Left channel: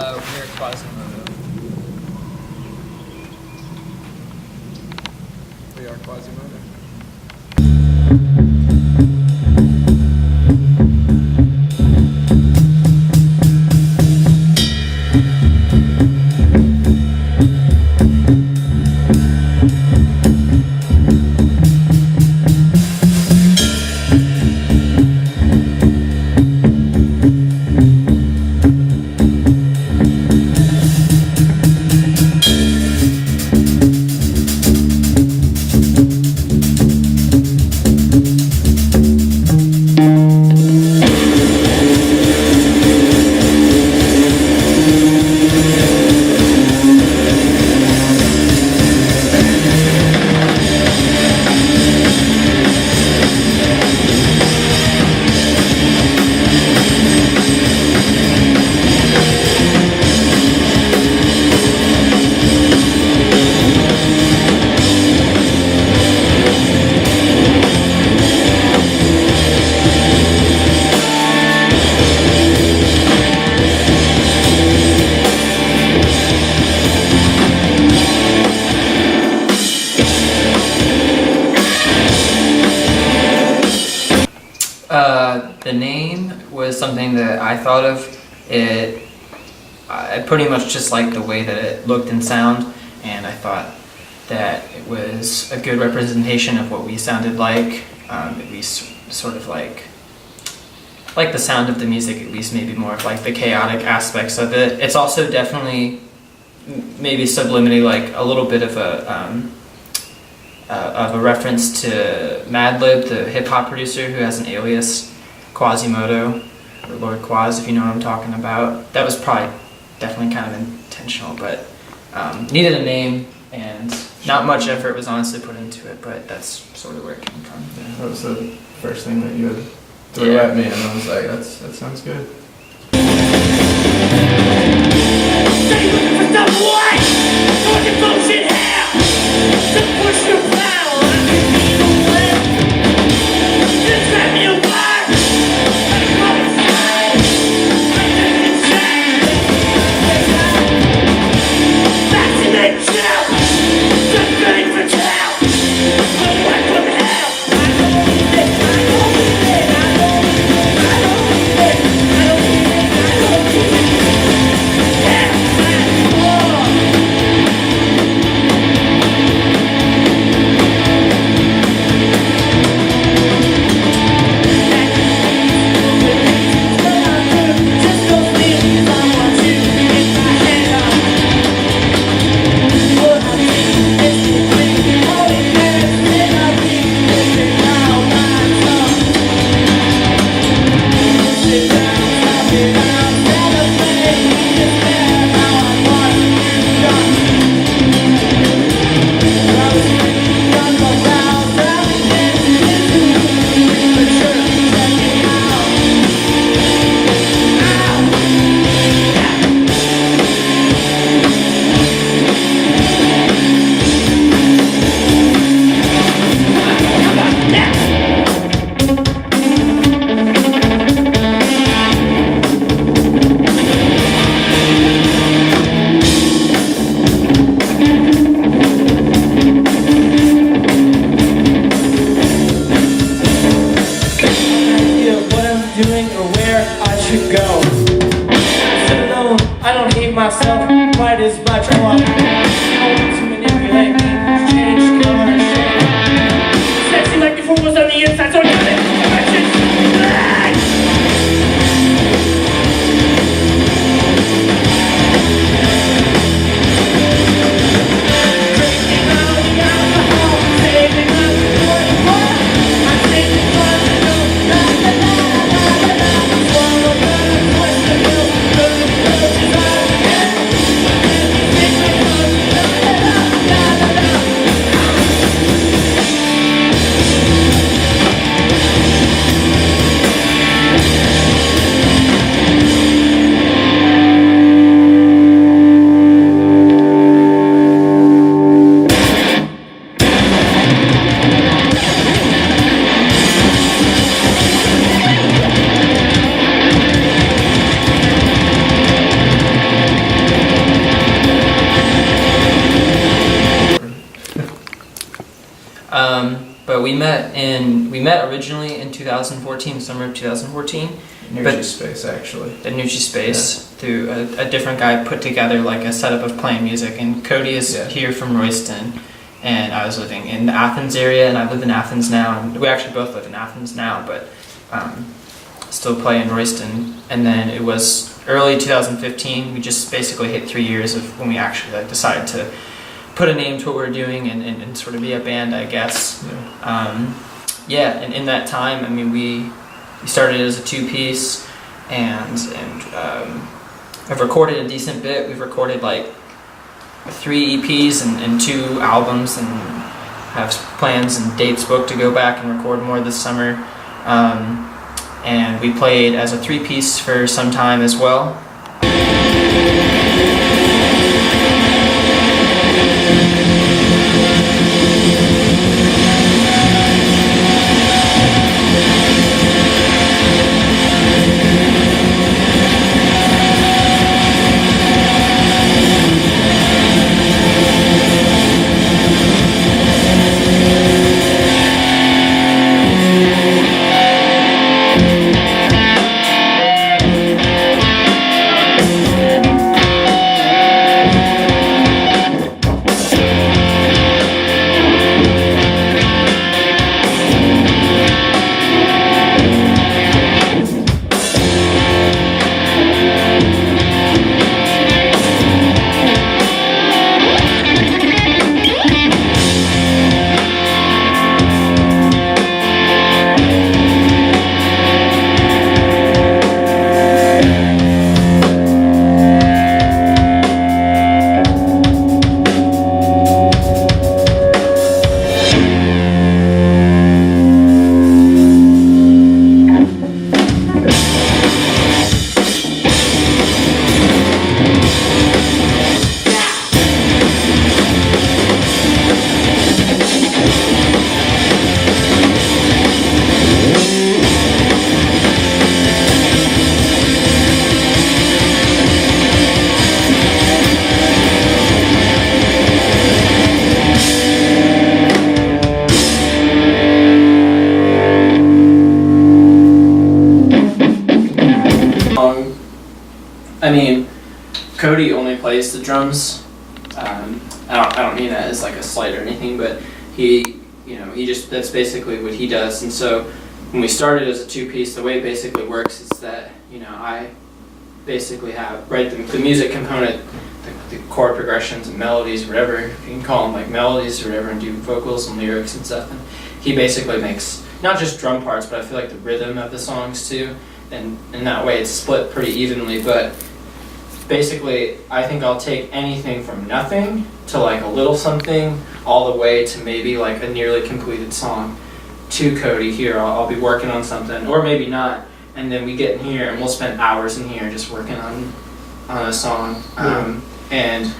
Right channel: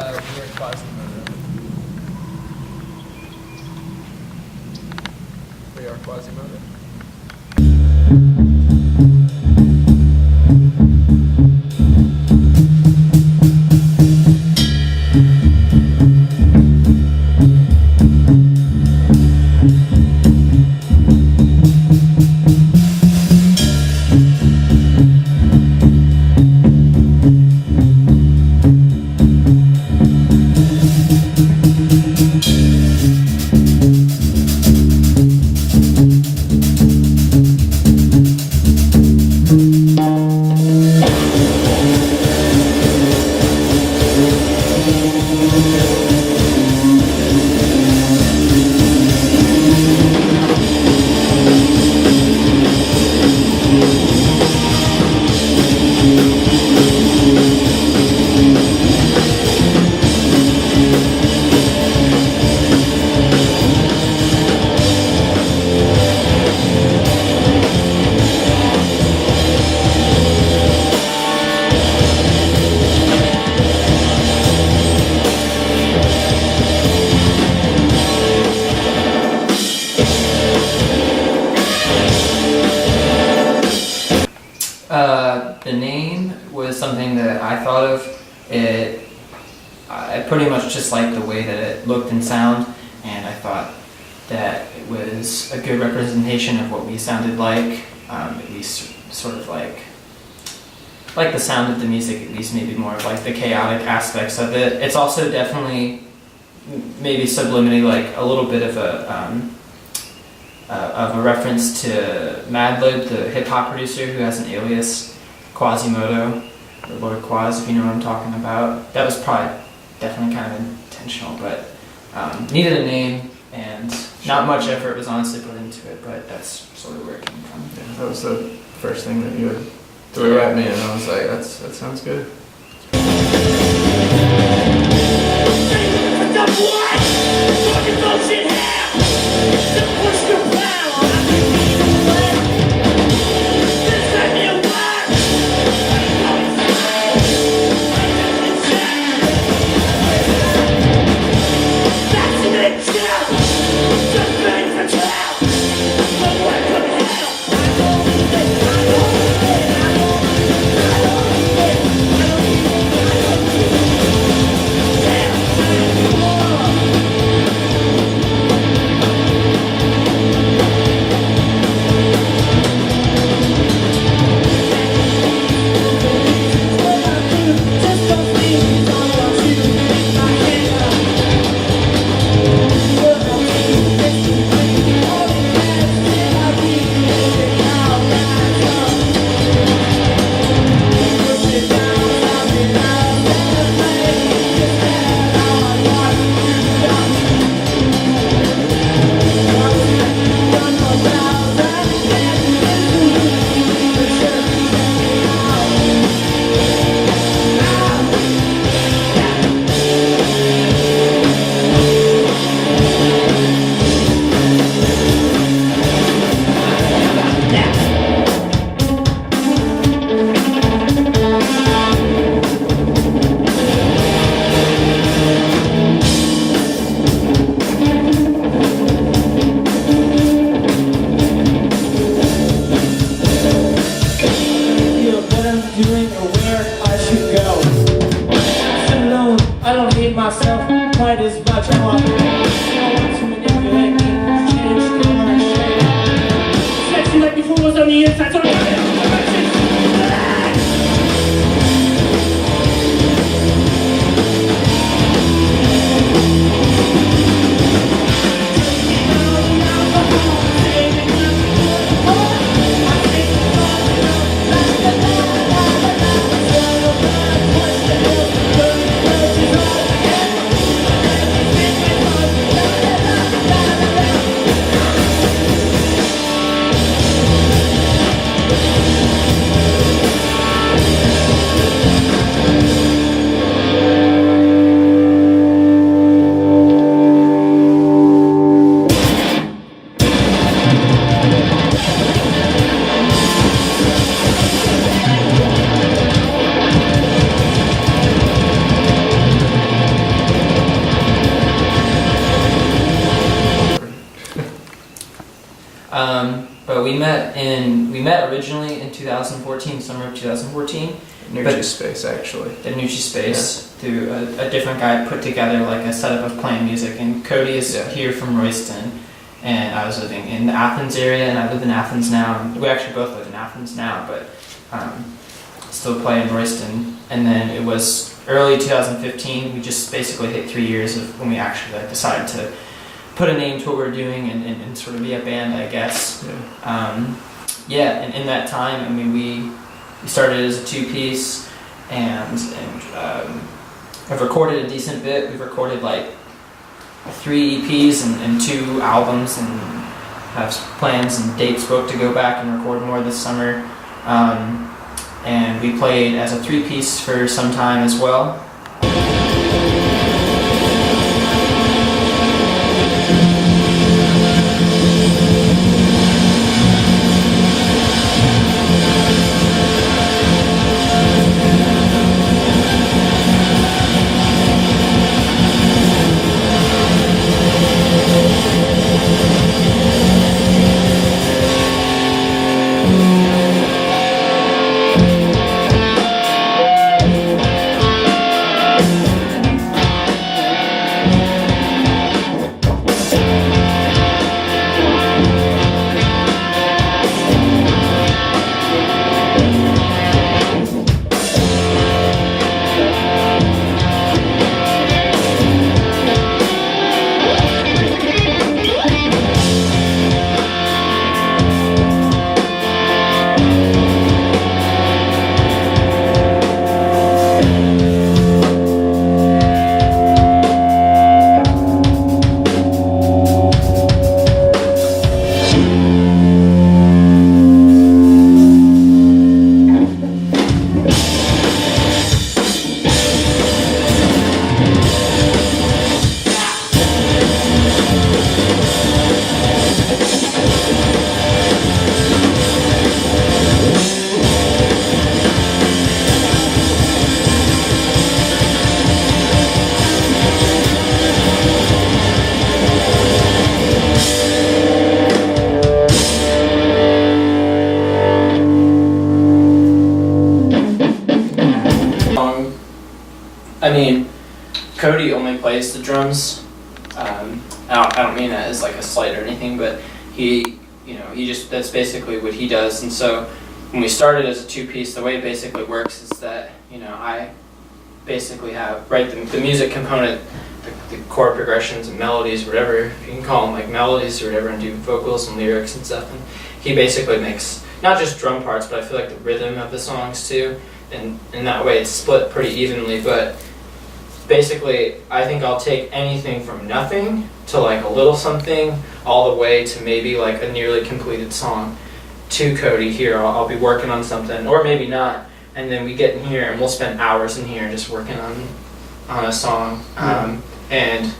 We are KWAZYMOTO. We are KWAZYMOTO. The name was something that I thought of. I pretty much just liked the way that it looked and sound, and I thought that it was a good representation of what we sounded like, at least sort of like the sound of the music, at least maybe more of like the chaotic aspects of it. It's also definitely maybe subliminally like a little bit of a reference to Madlib, the hip-hop producer who has an alias, KWAZYMOTO, or Lord Quaz, if you know what I'm talking about. That was probably definitely kind of intentional, but needed a name, and not much effort was honestly put into it, but that's sort of where it came from. Yeah, that was the first thing that you had threw at me, and I was like, that sounds good. But we met originally in 2014, summer of 2014. Nucci Space, actually. The Nucci Space, through a different guy put together like a setup of playing music. And Cody is here from Royston, and I was living in the Athens area, and I live in Athens now. And we actually both live in Athens now, but still play in Royston. And then it was early 2015. We just basically hit 3 years of when we actually like decided to put a name to what we're doing and sort of be a band, I guess. And in that time, I mean, we started as a two-piece, and I've recorded a decent bit. We've recorded like 3 EPs and 2 albums, and have plans and dates booked to go back and record more this summer. And we played as a 3-piece for some time as well. I mean, Cody only plays the drums. I don't mean that as like a slight or anything, but he just, that's basically what he does. And so when we started as a 2-piece, the way it basically works is that, I basically have, the music component, the chord progressions and melodies, whatever, you can call them like melodies or whatever, and do vocals and lyrics and stuff. And he basically makes, not just drum parts, but I feel like the rhythm of the songs too. And in that way it's split pretty evenly, but basically I think I'll take anything from nothing to like a little something all the way to maybe like a nearly completed song to Cody here. I'll be working on something, or maybe not, and then we get in here and we'll spend hours in here just working on a song. And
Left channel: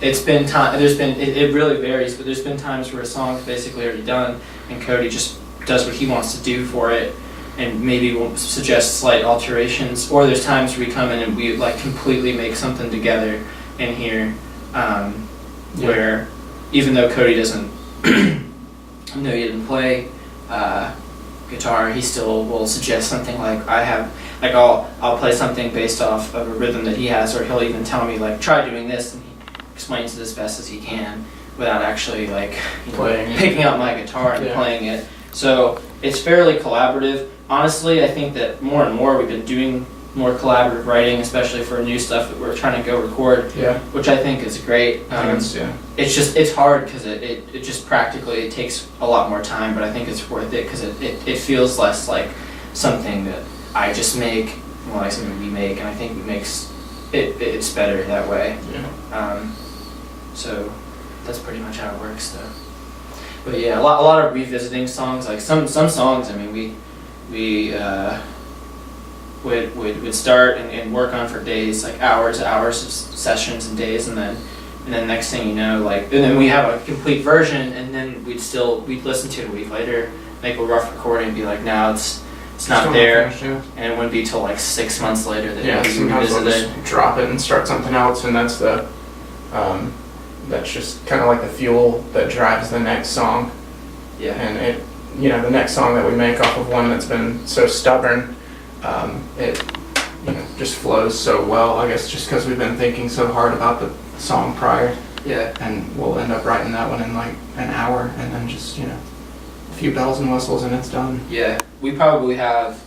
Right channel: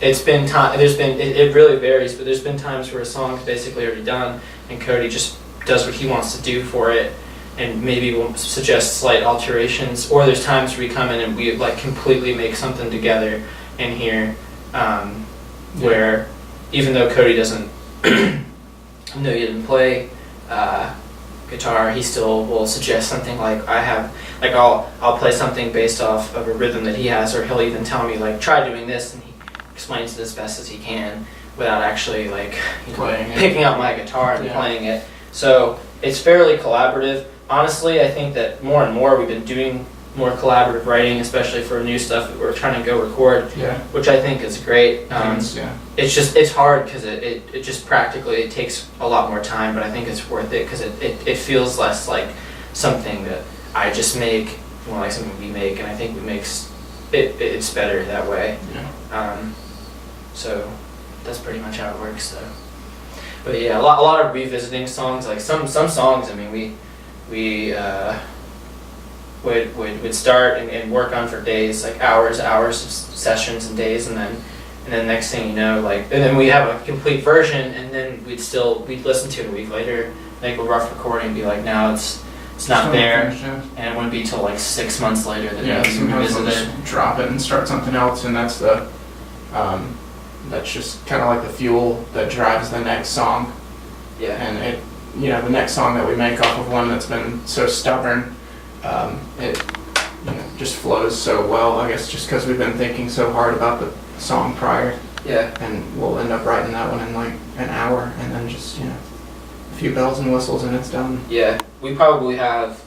it's been time, it really varies, but there's been times where a song's basically already done and Cody just does what he wants to do for it, and maybe we'll suggest slight alterations, or there's times where we come in and we like completely make something together in here, where even though Cody doesn't he didn't play guitar, he still will suggest something like I'll play something based off of a rhythm that he has, or he'll even tell me like try doing this, and he explains it as best as he can without actually like picking up my guitar and playing it. So it's fairly collaborative. Honestly, I think that more and more we've been doing more collaborative writing, especially for new stuff that we're trying to go record, which I think is great. It's hard because it just practically it takes a lot more time, but I think it's worth it because it feels less like something that I just make, more like something we make, and I think it's better that way. So that's pretty much how it works. So. But yeah, a lot of revisiting songs. Like some songs, I mean, we would start and work on for days, like hours of sessions and days, and then next thing you know, and then we have a complete version, and then we'd listen to it a week later, make a rough recording, and be like, no, it's not there, and it wouldn't be till like 6 months later that we revisit it. Drop it and start something else, and that's that's just kind of like the fuel that drives the next song. you know, the next song that we make off of one that's been so stubborn, it, you know, just flows so well, I guess just because we've been thinking so hard about the song prior. Yeah. And we'll end up writing that one in like an hour, and then just, you know, a few bells and whistles and it's done. Yeah, we probably have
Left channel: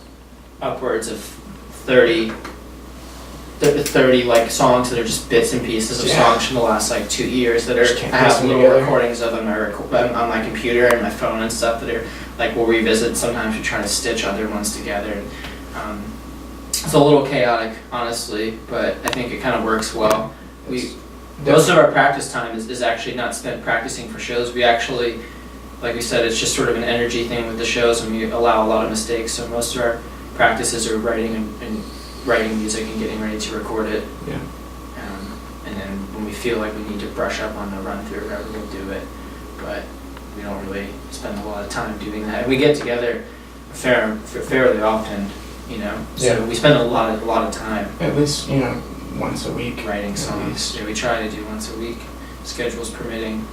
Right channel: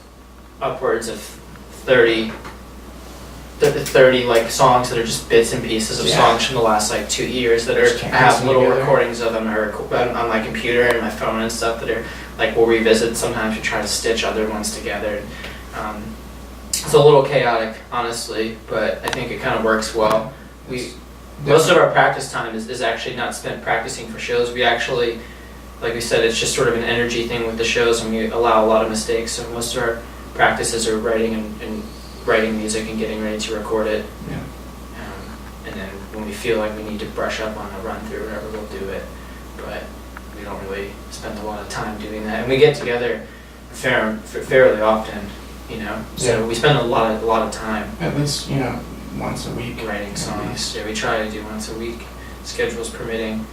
upwards of 30 like songs that are just bits and pieces of songs from the last like 2 years that are, I have little recordings of them on my computer and my phone and stuff that are like, we'll revisit. Sometimes we try to stitch other ones together. It's a little chaotic, honestly, but I think it kind of works well. Most of our practice time is actually not spent practicing for shows. We actually, like we said, it's just sort of an energy thing with the shows, and we allow a lot of mistakes. So most of our practices are writing and writing music and getting ready to record it. Yeah. And then when we feel like we need to brush up on the run through or whatever, we'll do it. But we don't really spend a lot of time doing that. And we get together fairly often, you know. So we spend a lot of time. At least, you know, once a week. Writing songs. Yeah, we try to do once a week, schedules permitting.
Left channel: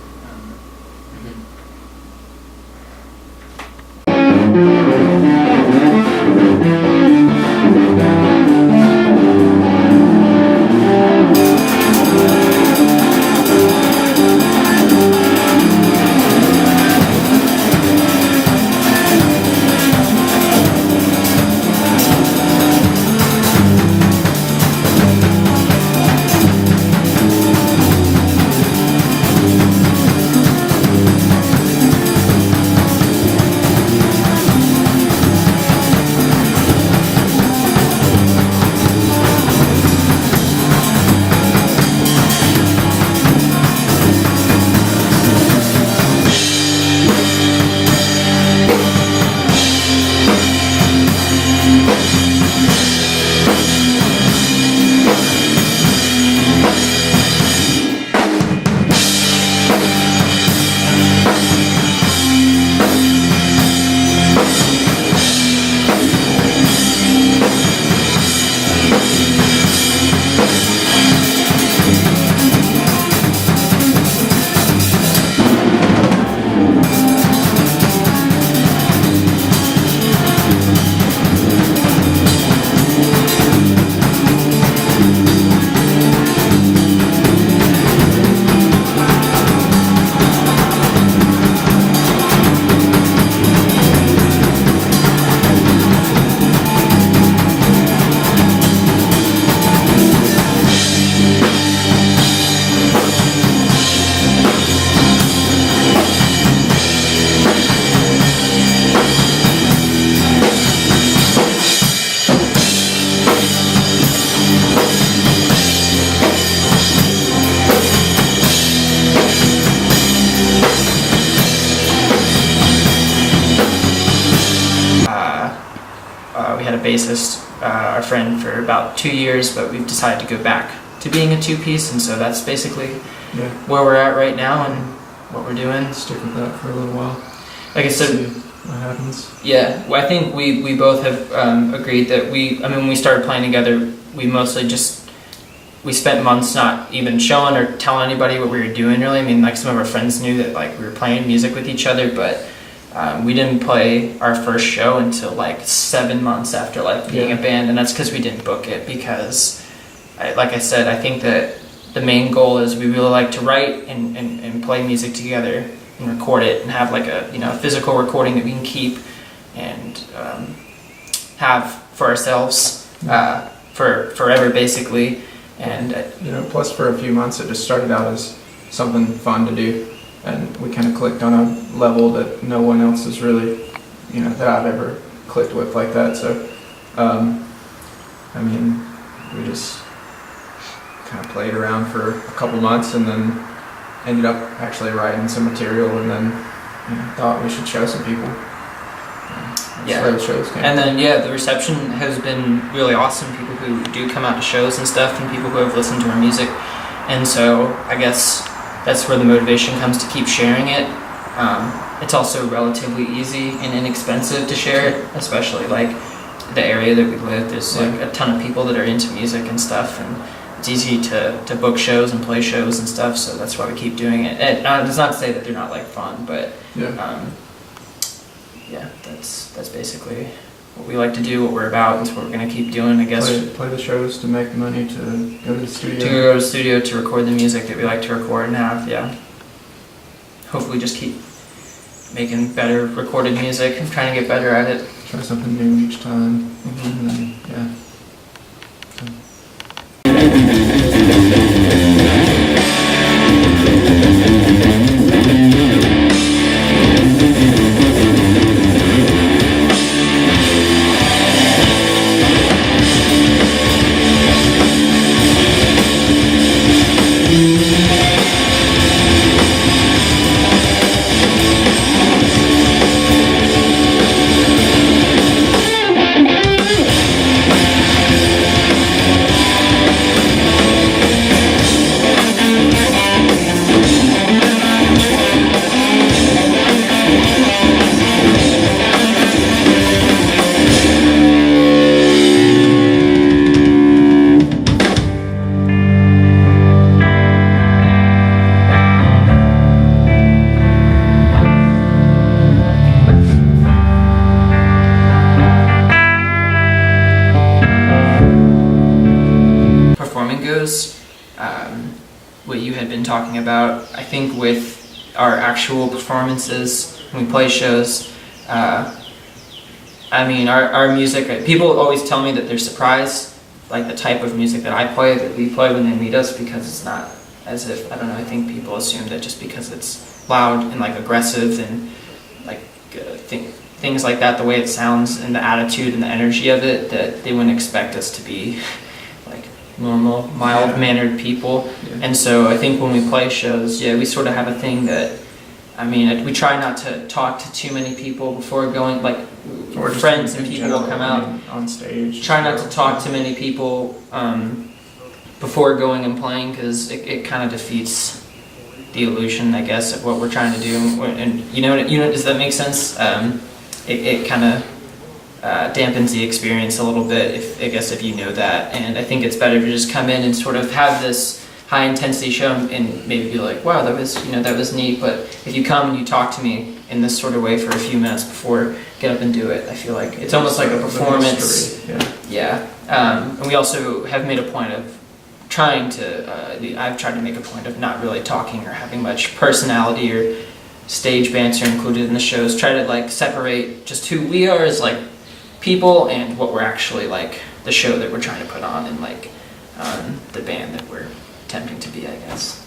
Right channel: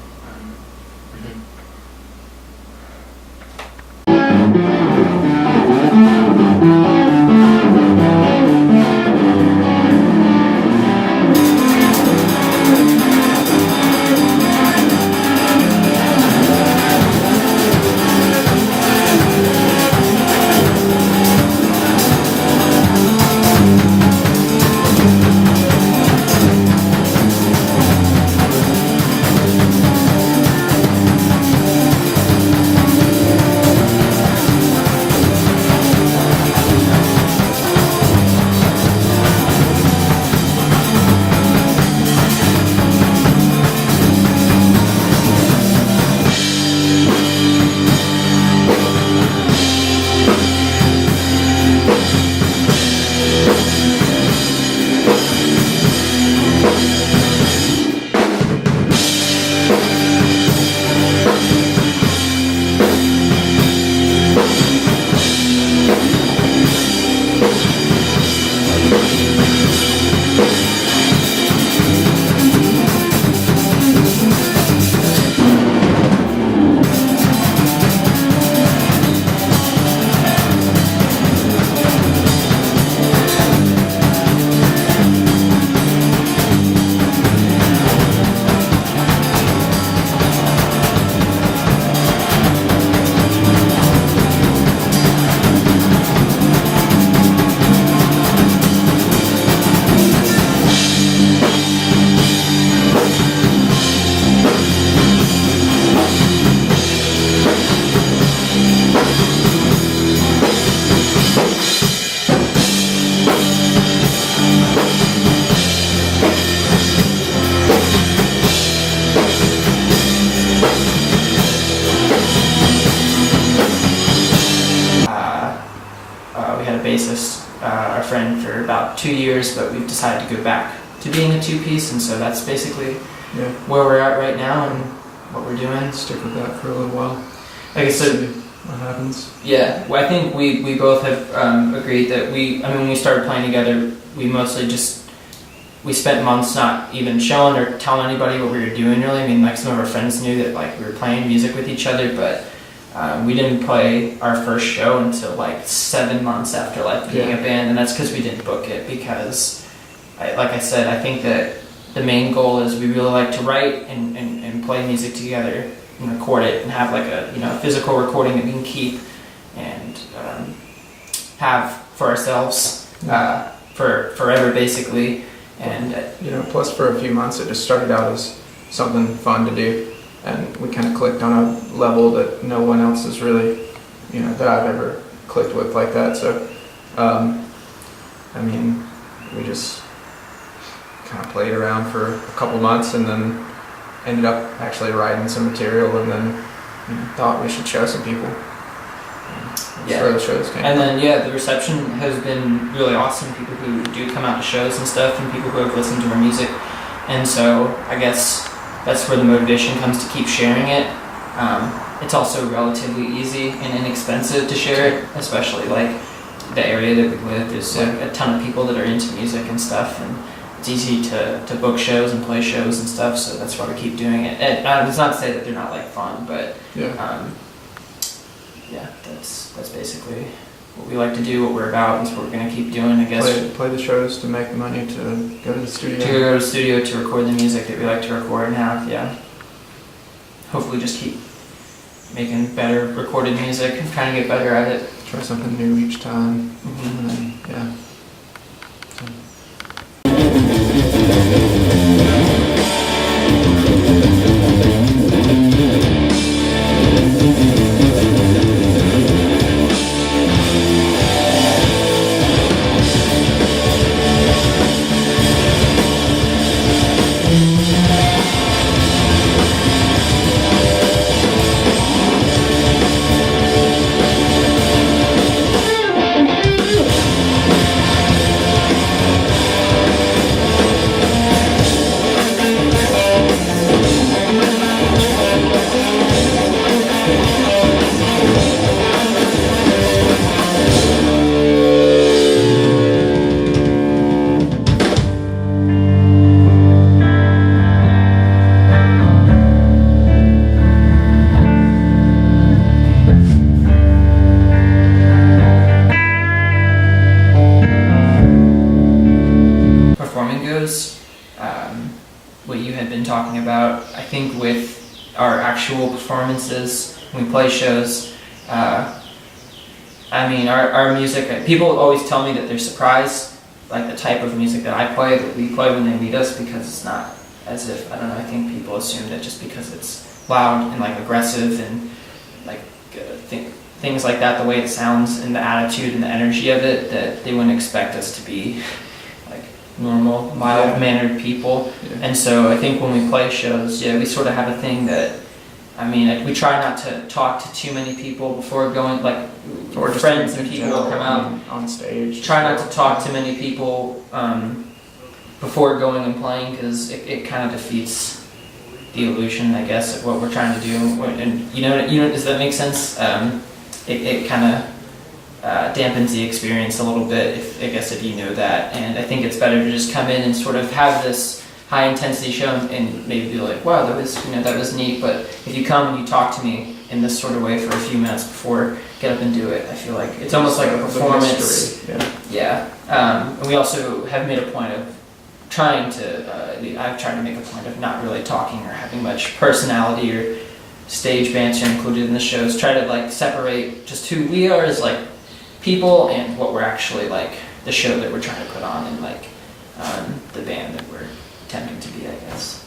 We had a bassist, our friend, for about 2 years, but we've decided to go back to being a two-piece, and so that's basically where we're at right now and what we're doing. Stick with that for a little while. Like I said, see what happens. Yeah, well, I think we both have agreed that when we started playing together, we mostly we spent months not even showing or telling anybody what we were doing, really. I mean, like, some of our friends knew that, like, we were playing music with each other, but we didn't play our first show until, like, 7 months after, like, being a band, and that's because we didn't book it, because, like I said, I think that the main goal is we really like to write and play music together and record it and have, like, a physical recording that we can keep and have for ourselves for forever, basically. And plus for a few months it just started out as something fun to do, and we kind of clicked on a level that no one else has really, that I've ever clicked with like that. So, I mean, we just kind of played around for a couple months and then ended up actually writing some material, and then thought we should show some people. That's where the shows came and from. then the reception has been really awesome. People who do come out to shows and stuff, and people who have listened to our music, and so I guess that's where the motivation comes to keep sharing it. It's also relatively easy and inexpensive to share it, especially like the area that we live. There's like a ton of people that are into music and stuff, and it's easy to book shows and play shows and stuff, so that's why we keep doing it. And it's not to say that they're not like fun, but yeah, that's basically what we like to do, what we're about, and it's what we're going to keep doing, I guess. Play the shows to make the money to go to the studio. To go to the studio to record the music that we like to record and have, yeah. Hopefully just keep making better recorded music and trying to get better at it. Try something new each time. Mm-hmm. And then, yeah. So. What you had been talking about, I think with our actual performances when we play shows, I mean our music, people always tell me that they're surprised, like the type of music that I play, that we play when they meet us, because it's not as if, I don't know, I think people assume that just because it's loud and like aggressive and like things like that, the way it sounds and the attitude and the energy of it, that they wouldn't expect us to be like normal, mild-mannered people. Yeah. And so I think when we play shows, we sort of have a thing that, I mean, we try not to talk to too many people before going, like or friends and people will come out on stage. Try not to talk to many people before going and playing, because it kind of defeats the illusion, I guess, of what we're trying to do. And you know, does that make sense? It kind of dampens the experience a little bit, if you know that. And I think it's better to just come in and sort of have this high intensity show and maybe be like, wow, that was neat. But if you come and you talk to me in this sort of way for a few minutes before get up and do it, I feel like it's almost like a performance. And we also have made a point of trying to I've tried to make a point of not really talking or having much personality or stage banter included in the shows. Try to like separate just who we are as like people and what we're actually like, the show that we're trying to put on, and like the band that we're attempting to be, I guess.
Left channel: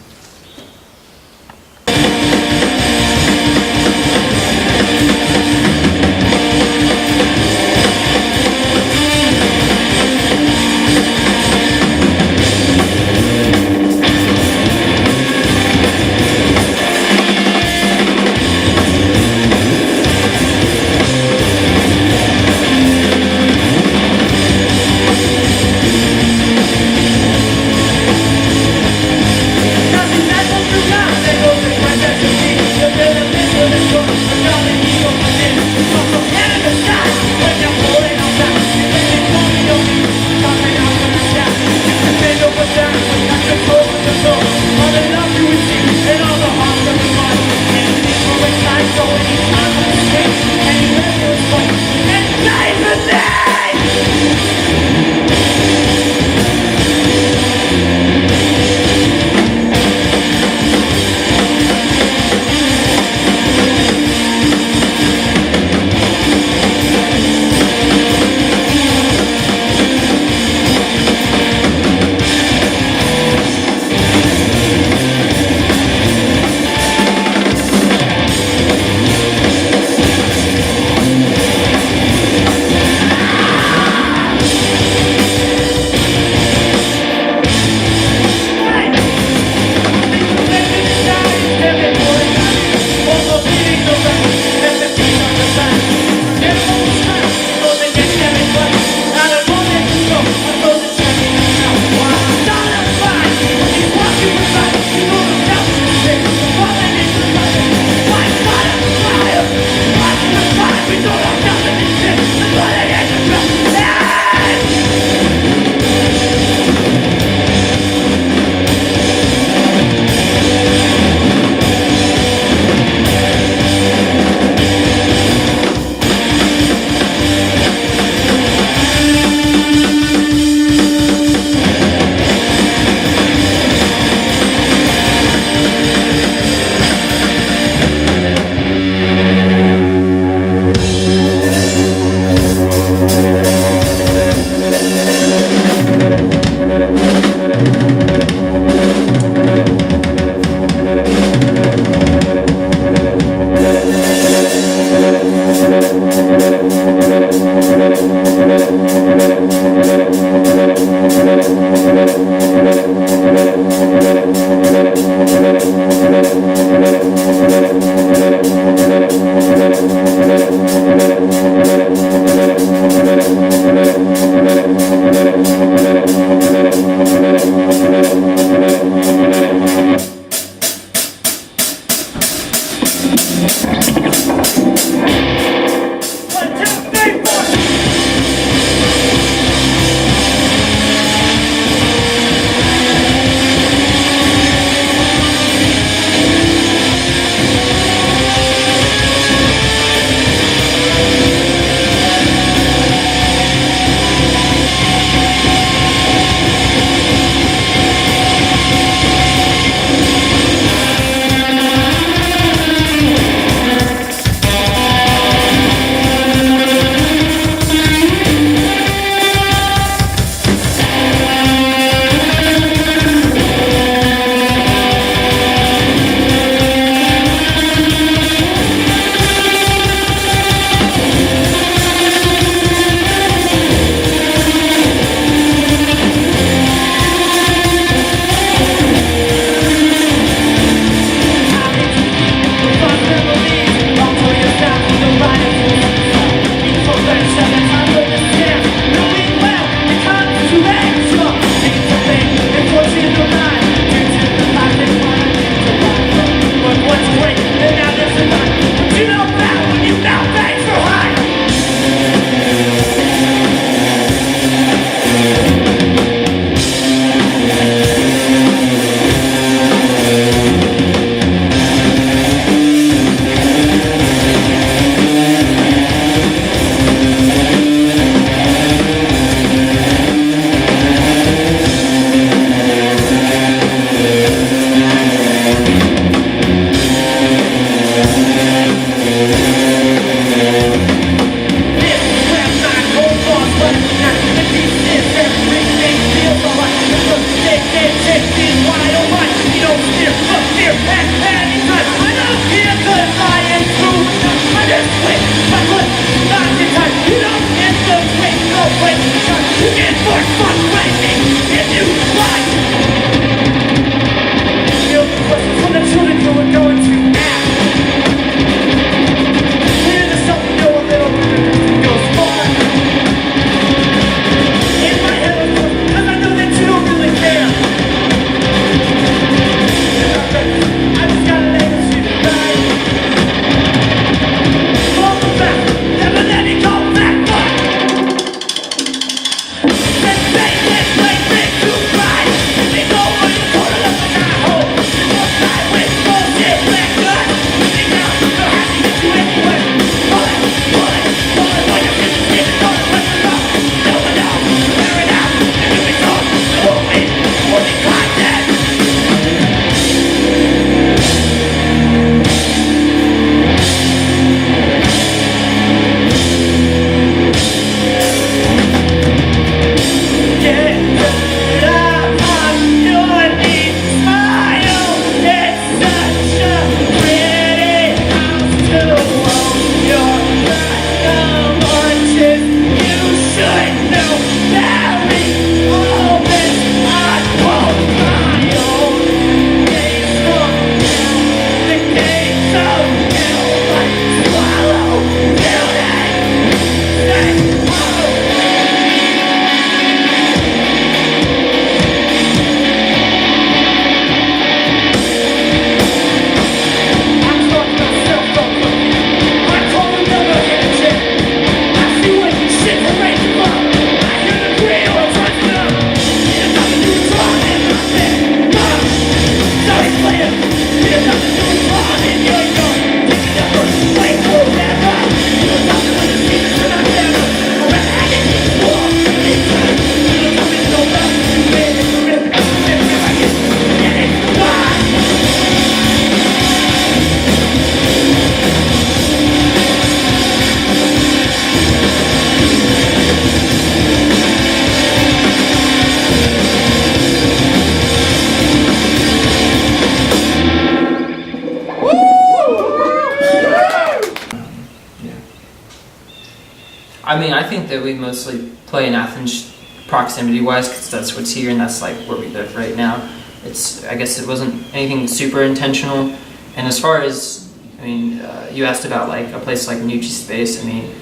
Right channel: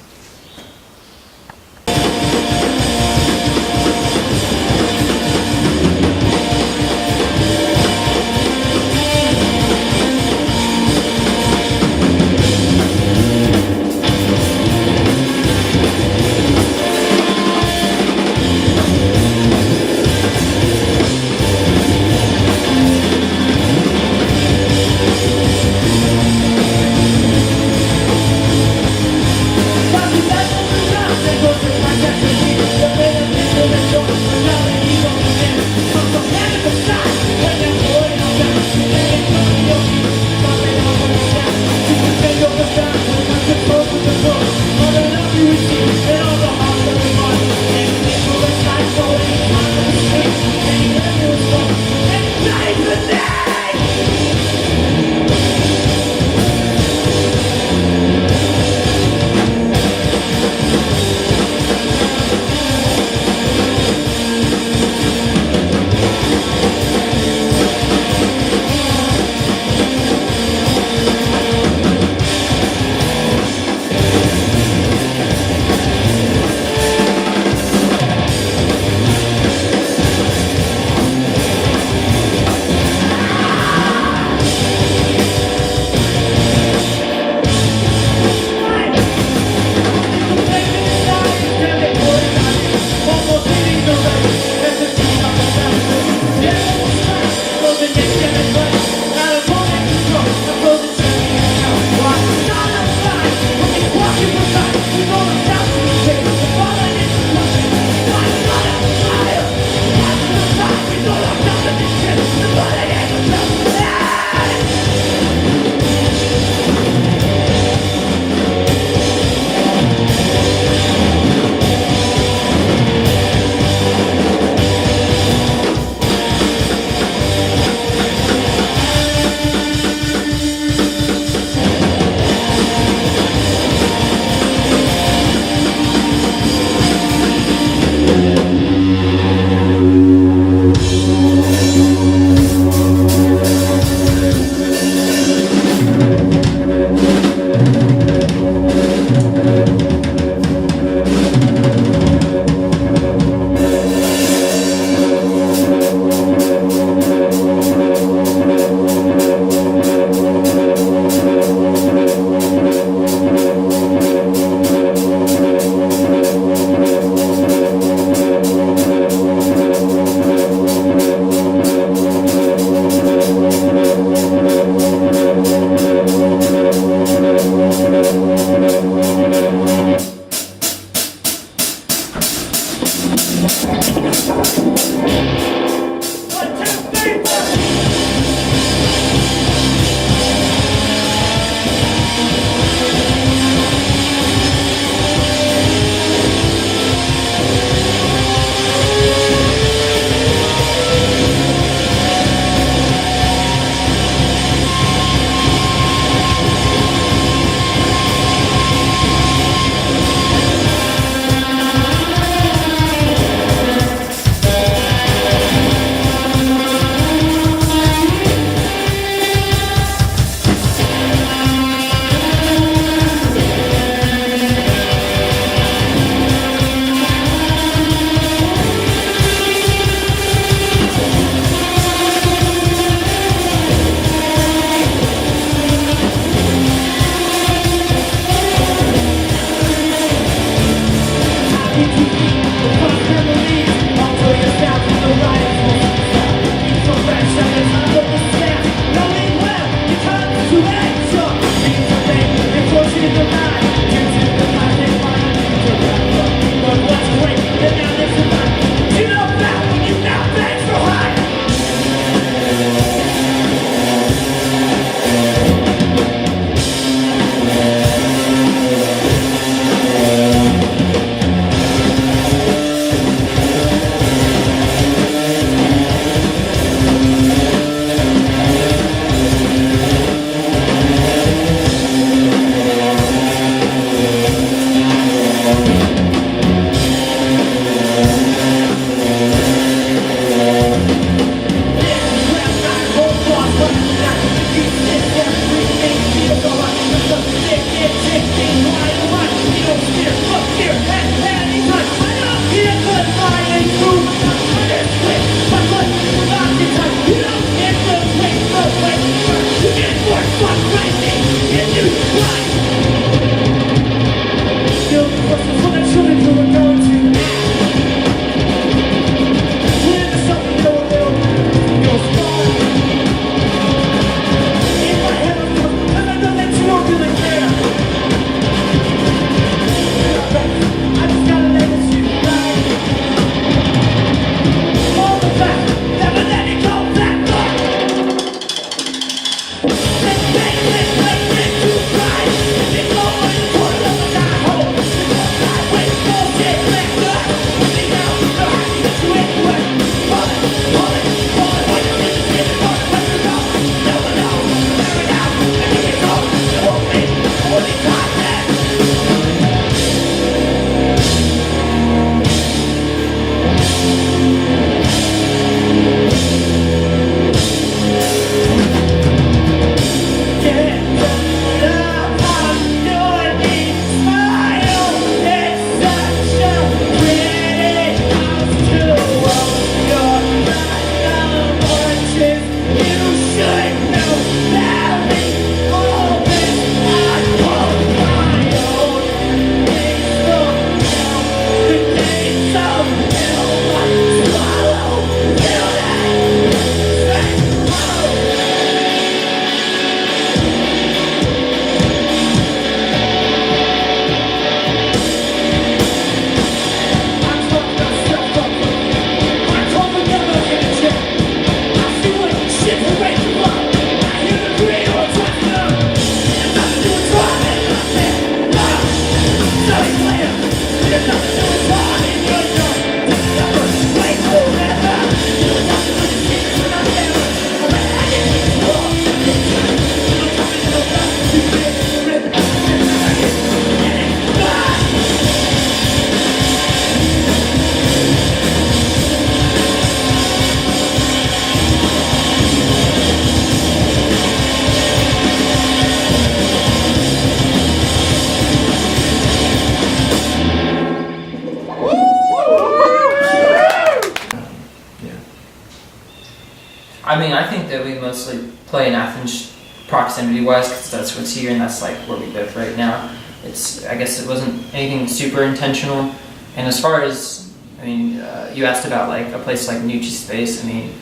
I mean, I think that we mostly play in Athens proximity-wise because that's what's here and that's like where we live right now. I guess it wasn't anything super intentional. And as far as, I mean, you asked about like a place like Nucci Space. I mean,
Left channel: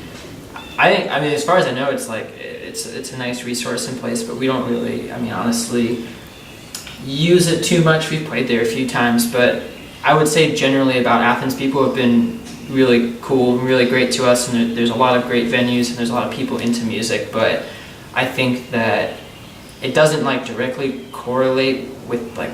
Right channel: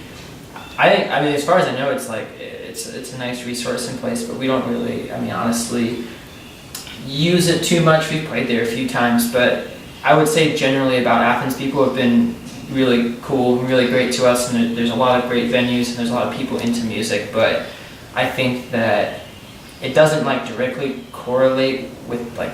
as far as I know, it's like it's a nice resource in place, but we don't really, I mean, honestly, use it too much. We've played there a few times, but I would say generally about Athens, people have been really cool, really great to us, and there's a lot of great venues and there's a lot of people into music, but I think that it doesn't like directly correlate with like